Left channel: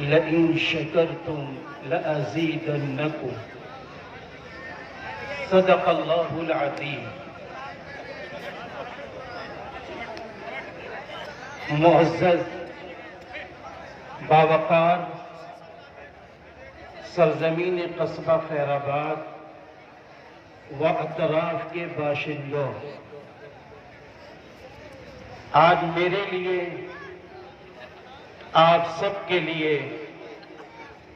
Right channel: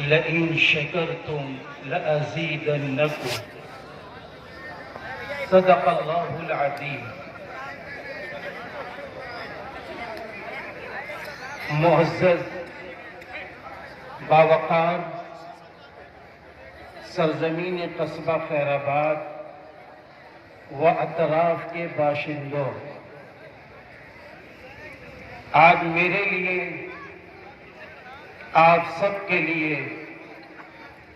Line शकरतुम लअज़ीदन्नकुम। सदक़ल्लाहुल अज़ीम। मुअज़्ज़ज़ बावक़ार सरज़मीन कस्बा खैराबाद व अतराफ के बाशिंदों, आज मेरे लिए, आप सब के लिए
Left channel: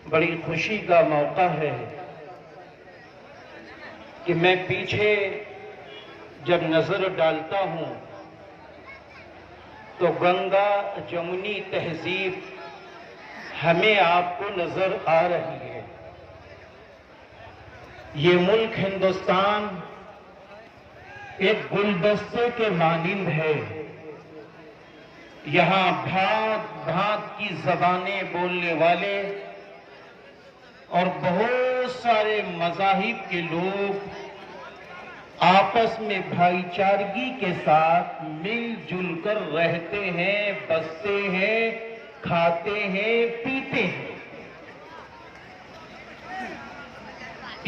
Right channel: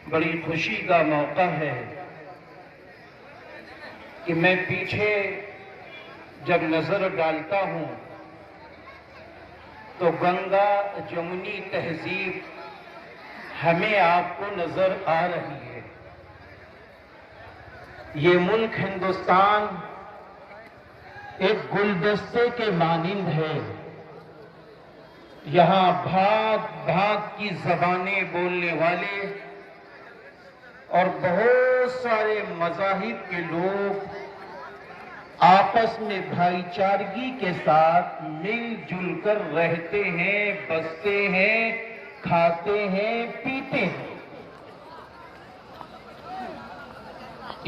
बड़ी खुशी का मौका है कि मैं पीछे जब नजर डालता हूं तो गंगा जमुनी तहजीब हमें आपको नजर आ रही है। ये मुल्क हिंदुस्तान एक गुलदस्ते के मानिंद है। यहाँ भांत भांत की जबानें बोलने वाले और बहुत सारे मज़ाहिब के लोग आपस में भाईचारगी के साथ मिलजुल कर रहते हैं, बसते हैं, खाते हैं, पीते हैं।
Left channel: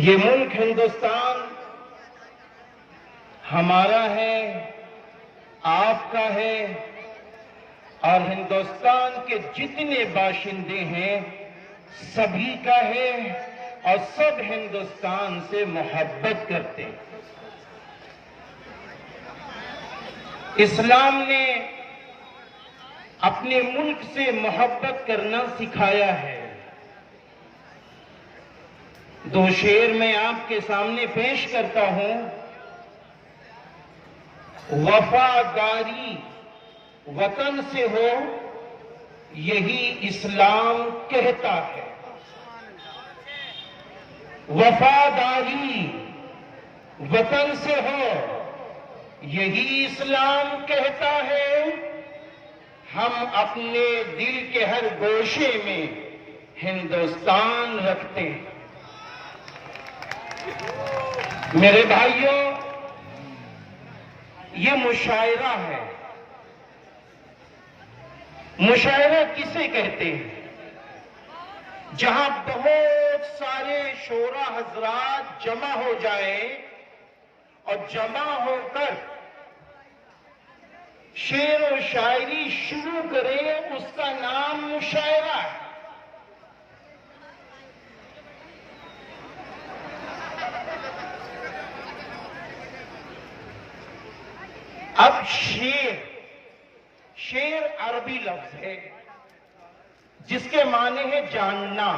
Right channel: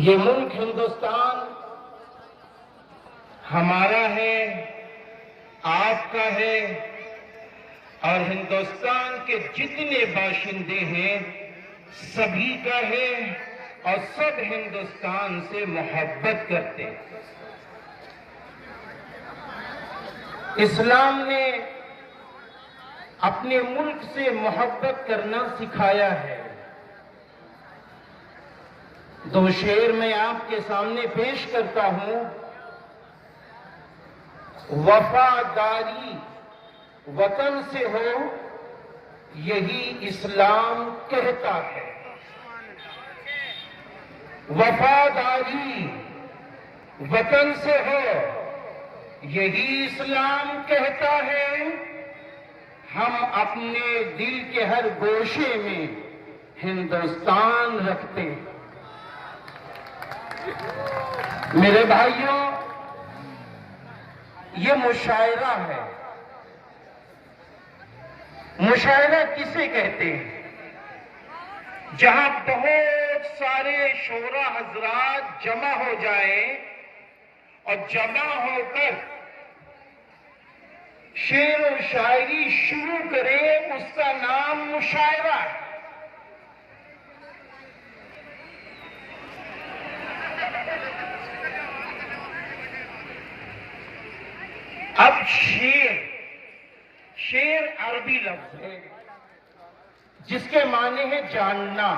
ये मुल्क हिंदुस्तान हमारा है, आपका है, और हिंदुस्तान के जितने बाशिंदे हैं सभी का है, और सब हिंदुस्तान से मोहब्बत करते हैं। इस्लाम ने अपने मुल्क से मोहब्बत करना सिखाया है। दो शेर मैं आपके सामने पेश करता हूं। वफादारी वतन से हो, यही इस्लाम कहता है। वफादारी वतन से हो, यही इस्लाम कहता है। हम अपने दिल के हर गोशे में हिंदुस्तान रखते हैं। मेरे भाइयों, ये मुशायरा है। मुशायरा किसे कहते हैं? जहां बहुत सारे शोरा हजरात जमा हो जाए और जमा होकर शेर और शायरी शुरू करें, उसका नाम मुशायरा है। अब शेर अरबी लफ्ज है जिसके माने है जानना।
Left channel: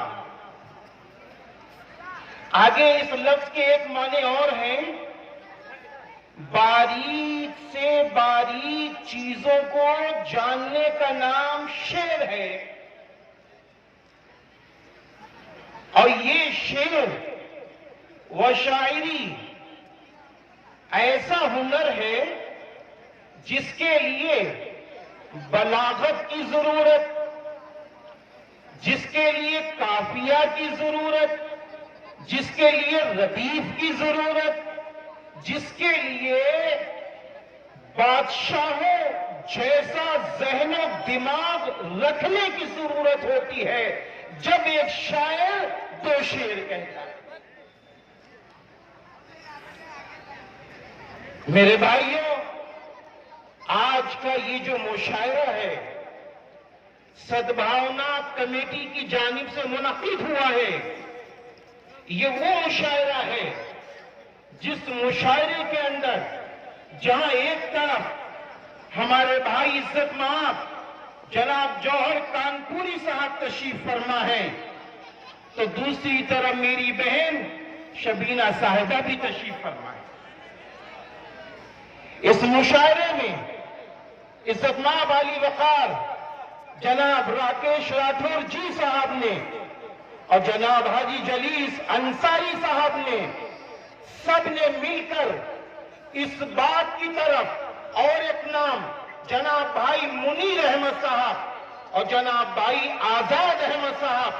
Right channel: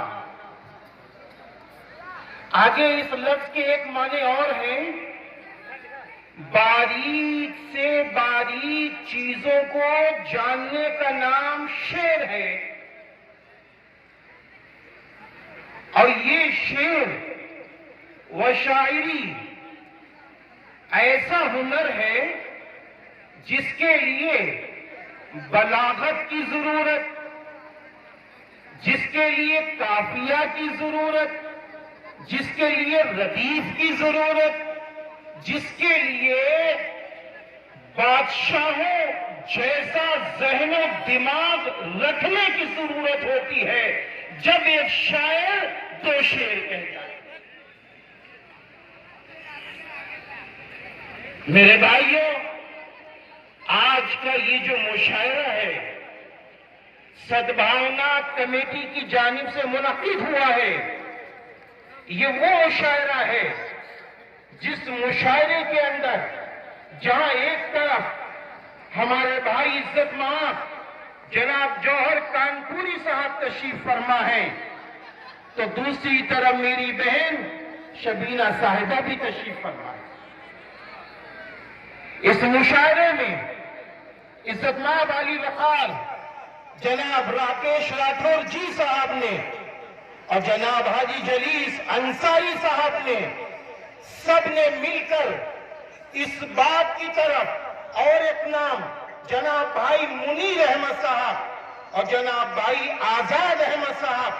आगे इस लफ्ज के एक माने और हैं, बारीक से बारीक चीजों को जानने का नाम शेर है। और ये शेर व शायरी ऐसा हुनर है जिसके लिए बलागत की जरूरत, जिसके लिए काफिया की जरूरत, जिसके लिए रदीफ की जरूरत, जिसके लिए बादशाहों जैसा ज़हन दिमाग रखने की जरूरत होती है जब एक शायर दो शेर कहता है। मेरे भाइयों, आज का ये जो मुशायरा है सद्भावना कमेटी की जानिब से मुनक्किद हुआ है। ये वो मुशायरा है जिस मुशायरे के अंदर जहां एक तरफ हमारे भाई इज्जत माफ जनाब जौहर कानपुरी साहब तशरीफ फरमा है, तो दूसरी तरफ मेरी बहन शबीना साहिबा भी तशरीफ फरमा है। इस मुशायरे में इज्जतमाब अली वकार जनाब राकेश राठौर जी साहब ने और जनाब हाजी जलीस अंसारी साहब ने सबने मिलकर इस बात की तरफ, और एक नाम जनाब भाई मुनीर अहमद साहब और जनाब भाई आजाद अहमद साहब,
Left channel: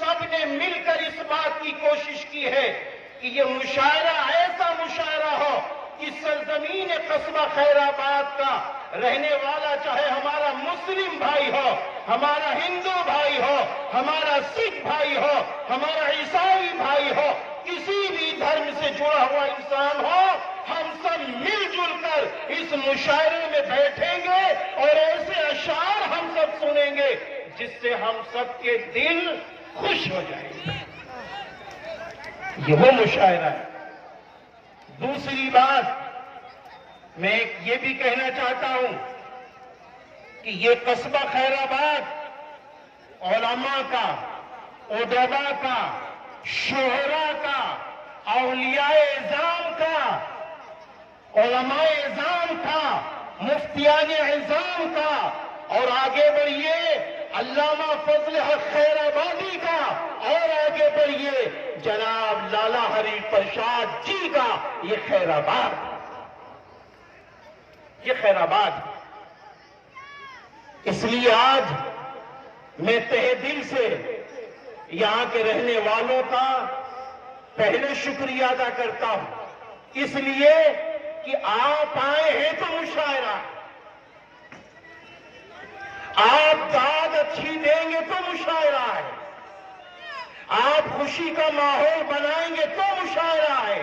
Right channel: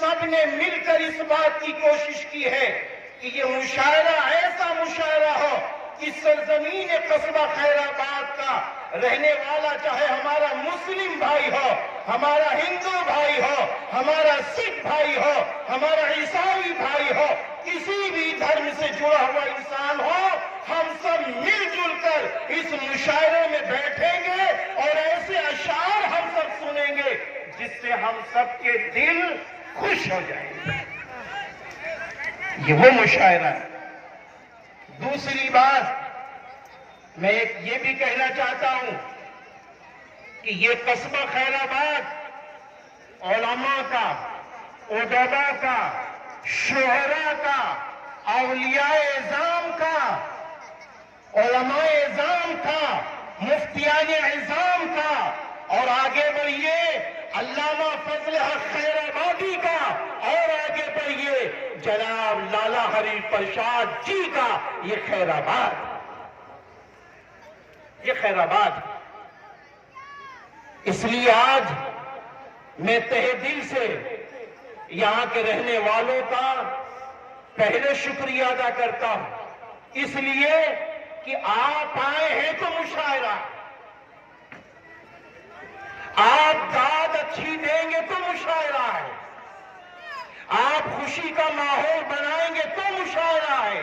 सबने मिलकर इस बात की कोशिश की है कि ये मुशायरा ऐसा मुशायरा हो कि सरजमीन कस्बा खैराबाद का रहने वाला, चाहे हमारा मुस्लिम भाई हो, हमारा हिंदू भाई हो, हमारा मुशायरे में बैठेंगे और ऐसे अशार हम सब सुनेंगे जिससे हम सबके दिल खुश हो जाएंगे। ये वो मुशायरा है। दूसरी बात मैं ये भी कहना चाहता हूं कि ये कस्बा खैराबाद उलमा का, उदबा का, शुहरा का, औलियाए इज़ाम का, उलमाए इज़ाम का, मुफ्तियान इज़ाम का, और आगे बढ़िए अल्लामा फजल हक खैराबादी का, और आगे बढ़िए जनाब लाला हरी प्रसाद जी का। ये खैराबाद, ये खैराबाद। इसलिए आज मैं तहे दिल से यहां के रहने वालों का पहले शुक्रिया अदा करता हूं, इसलिए कि आप आए हैं तो मुशायरा, आप दाद अच्छी देंगे तो मुशायरा है, आप खुशी का माहौल बनाएंगे तो मुशायरा है।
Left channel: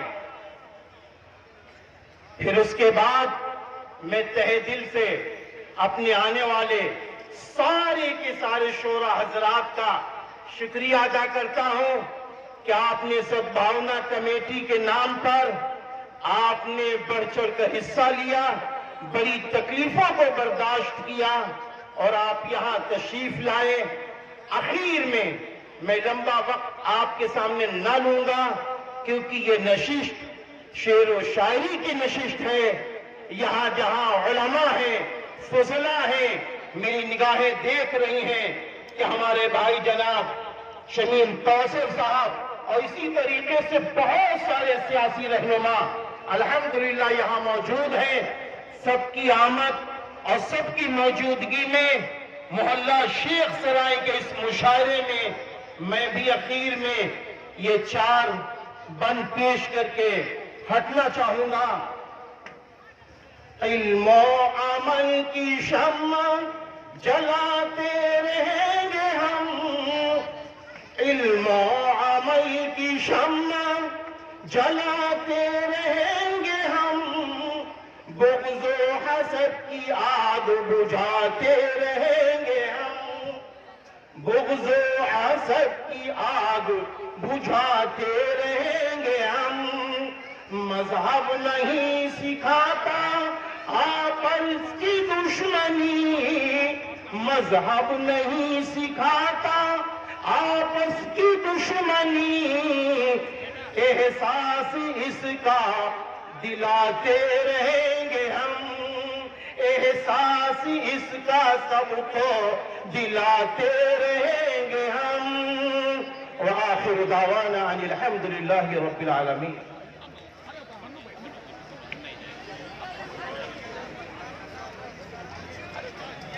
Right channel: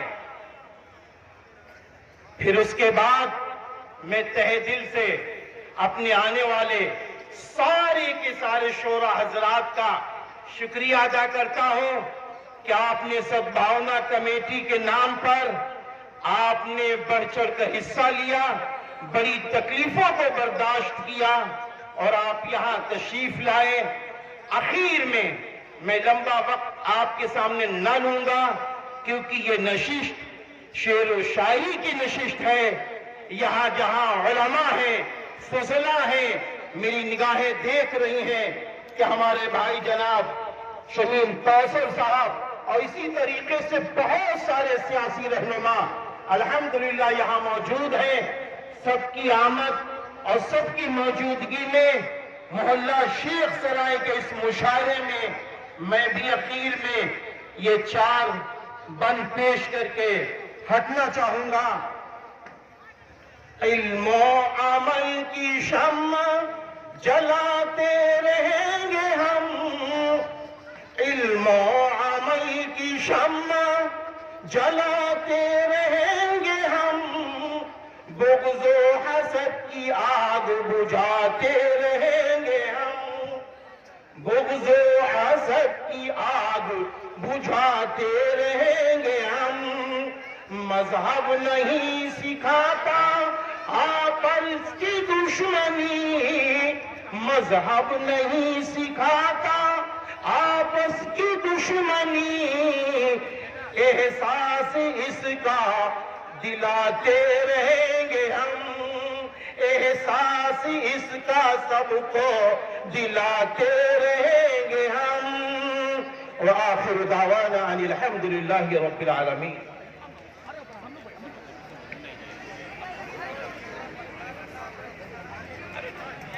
फिर उसके बाद मैं तहे दिल से अपने आने वाले सारे के सारे शोरा हजरात का शुक्रिया अदा करता हूं कि आपने सद्भावना कमेटी के नाम पर आपने बढ़ चढ़ कर हिस्सा लिया, बड़ी तकलीफों को बर्दाश्त किया और आप यहां तशरीफ लाए। आखिर में मैं लंबा वक्त आपके सामने न लूंगा क्योंकि ये नशिस्त शेर व शायरी की नशिस्त है। यहां जहां उलमा है, फजला है, मेरी निगाहें देख रही हैं कि हमारे भाई जनाब शमीम कौसर साहब और इसी तरीके से बहुत सारे सियासी रहनुमा अल्हम्दुलिल्लाह यहां मौजूद हैं। सबकी आमद और सबकी मौजूदगी में मोहल्ला शेख सराय के इस मुशायरे में मैं भी अखीर में ये 4 बंद पेश करके हटना चाहूंगा। इल्म अमल की शम्मा जलाते रहेंगे हम, इल्म अमल की शम्मा जलाते रहेंगे हम, बुग़्ज़ो हसद की आग बुझाते रहेंगे हम, बुग़्ज़ो हसद की आग बुझाते रहेंगे हम। मज़हब नहीं सिखाता आपस की दुश्मनी, मज़हब नहीं सिखाता आपस की दुश्मनी, एहसास इसका दिलाते रहेंगे हम, एहसास इसका सबको दिलाते रहेंगे हम। व आखिर दावाना अनिल हम्दुलिल्लाहि रब्बिल आलमीन।